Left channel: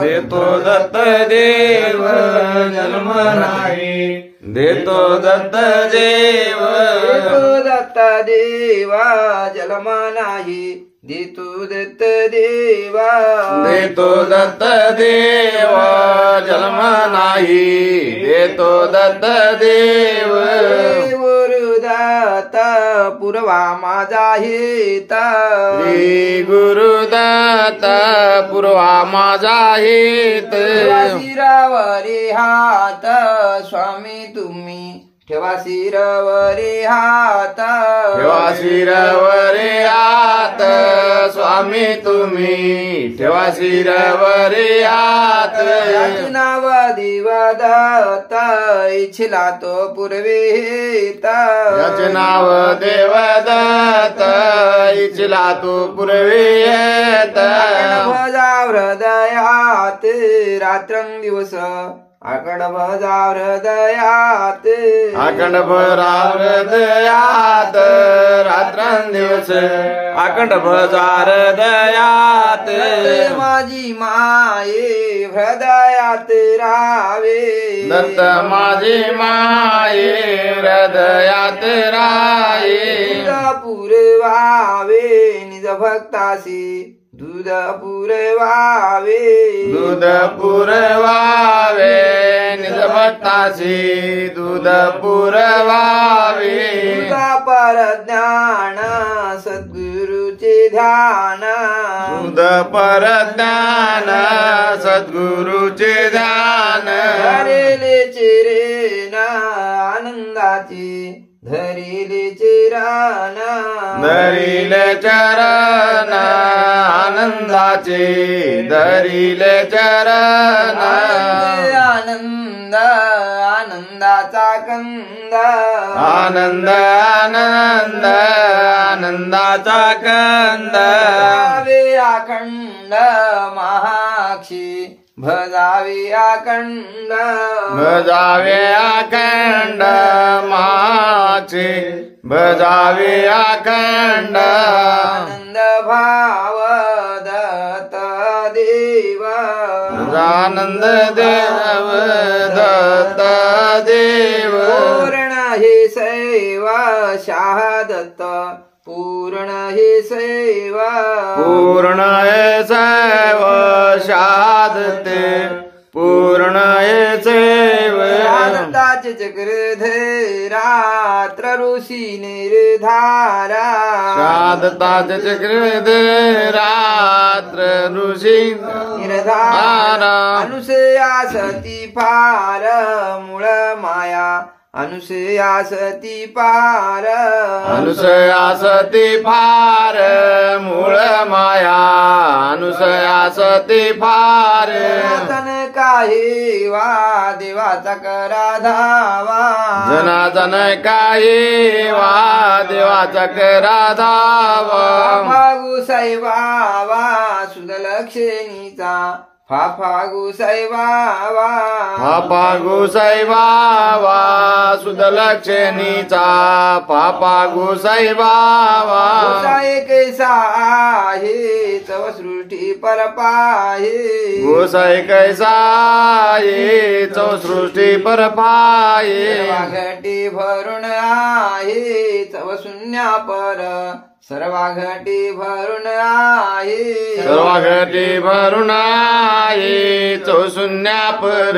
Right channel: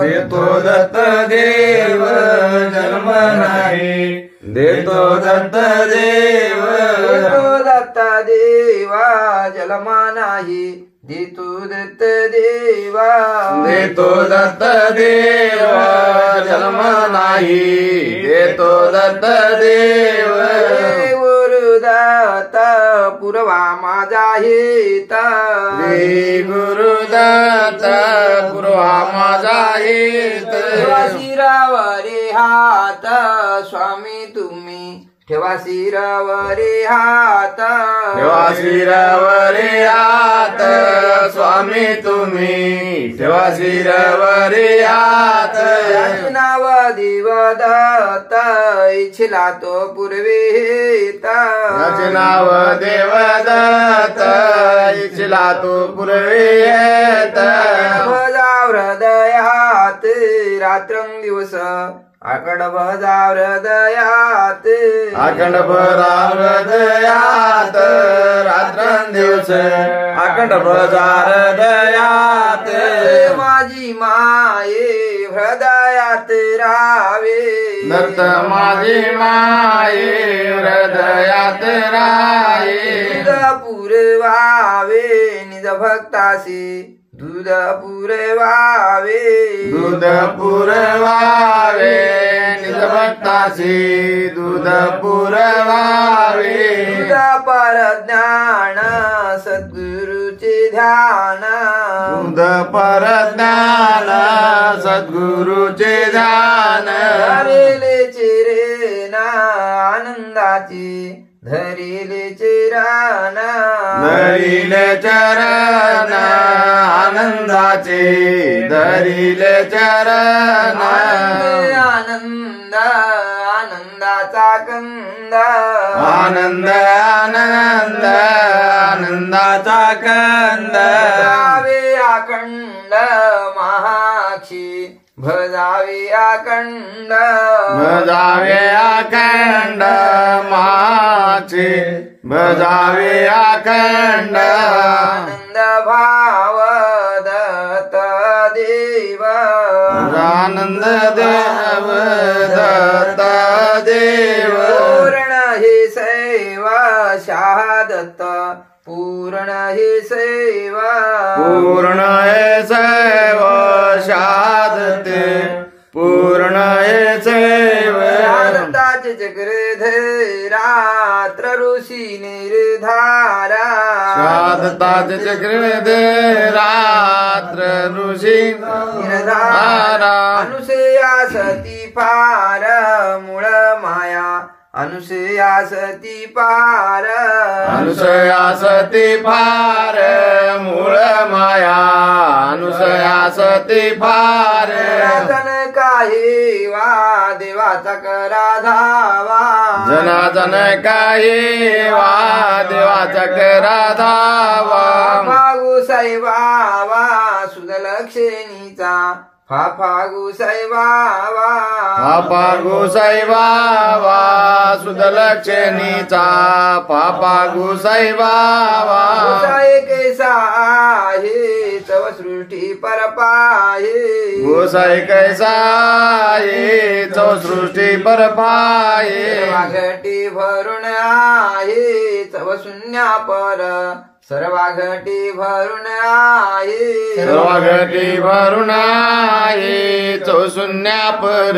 देतो दत्त देव जन्म नाही, देतो दत्त देव, देतो दत्त देवा जन्म नाही, देतो दत्त देवा, देतो दत्त देवा जन्म नाही, देतो दत्त देव, गुरुदत्त पुरवा माझा हित, श्री गुरुदत्त पुरवा माझा हित, शिरावरी हात स्वामी तुम्ही ठेवा शिरावरी हात, ठेवा शिरावरी हात स्वामी तुम्ही, ठेवा शिरावरी हात, नाव देव दत्त इच्छिला तो पूर्वीत, याचे नाव देव दत्त इच्छिला तू पूर्वी येत, भजा हृदयात रात्रंदिवस अखंड भजा हृदयात, अखंड भरा हृदयात रात्रंदिवस, अखंड भजा हृदयात, माझी माये हृदयात राहावे, दत्त माझी माये हृदयात राये, दूध पुरवावे निज भक्तासी, दूध पुरवावे, दूध पुरवावे निज भक्तासी, दूध पुरवावे, दूध परज्ञान सद्गुरुचे ध्यान, दूध परज्ञान सद्गुरुचे ध्यान, धरिले चिरेन आनंदाची, धरिले चिरान, धरिले चरण आनंदाचे, धरिले चरण, आनंद आनंदाचा कंद, आनंद आनंद आनंदाचा कंद, भजावे अखंड महाक्षी, भजावे अखंड, भजावे अखंड माचे, भजावे अखंड, आनंद भाव दत्त देव, आनंद देव दत्त देव, पूर्ण हे सेवा शहादत्त, पूर्ण हे सेवा, पूर्ण हे सैव शादते, पूर्ण हे सैव, दत्ताचे चक्रधर रात्र ऋषी निर्धारा, शादताच चक्रधर रात्र ऋषी निर्धारा, अनुसया सती पार मूळ माया, अनुसया सती पार, अनुसया सती फार मूळ माया, अनुसया सती फार, जनार्दन काही वा देवाचा करा धावा, जनार्दन काही वा देवाचा करा धावा, फागू सैवावा सुदलक्षणीचा, फागू सैवावा, पापा सैवावा सुदलक्षणीचा, पापा सैवावा, कैसा आहे चव सृष्टी परपाये, गोसाई कैसा ये चौसृष्टी परपाये, घटी भरून आहे चव शून्या पर, सर्वा घटी भरून आहे, सर्व घटी भरून आहे चौशून्या पर,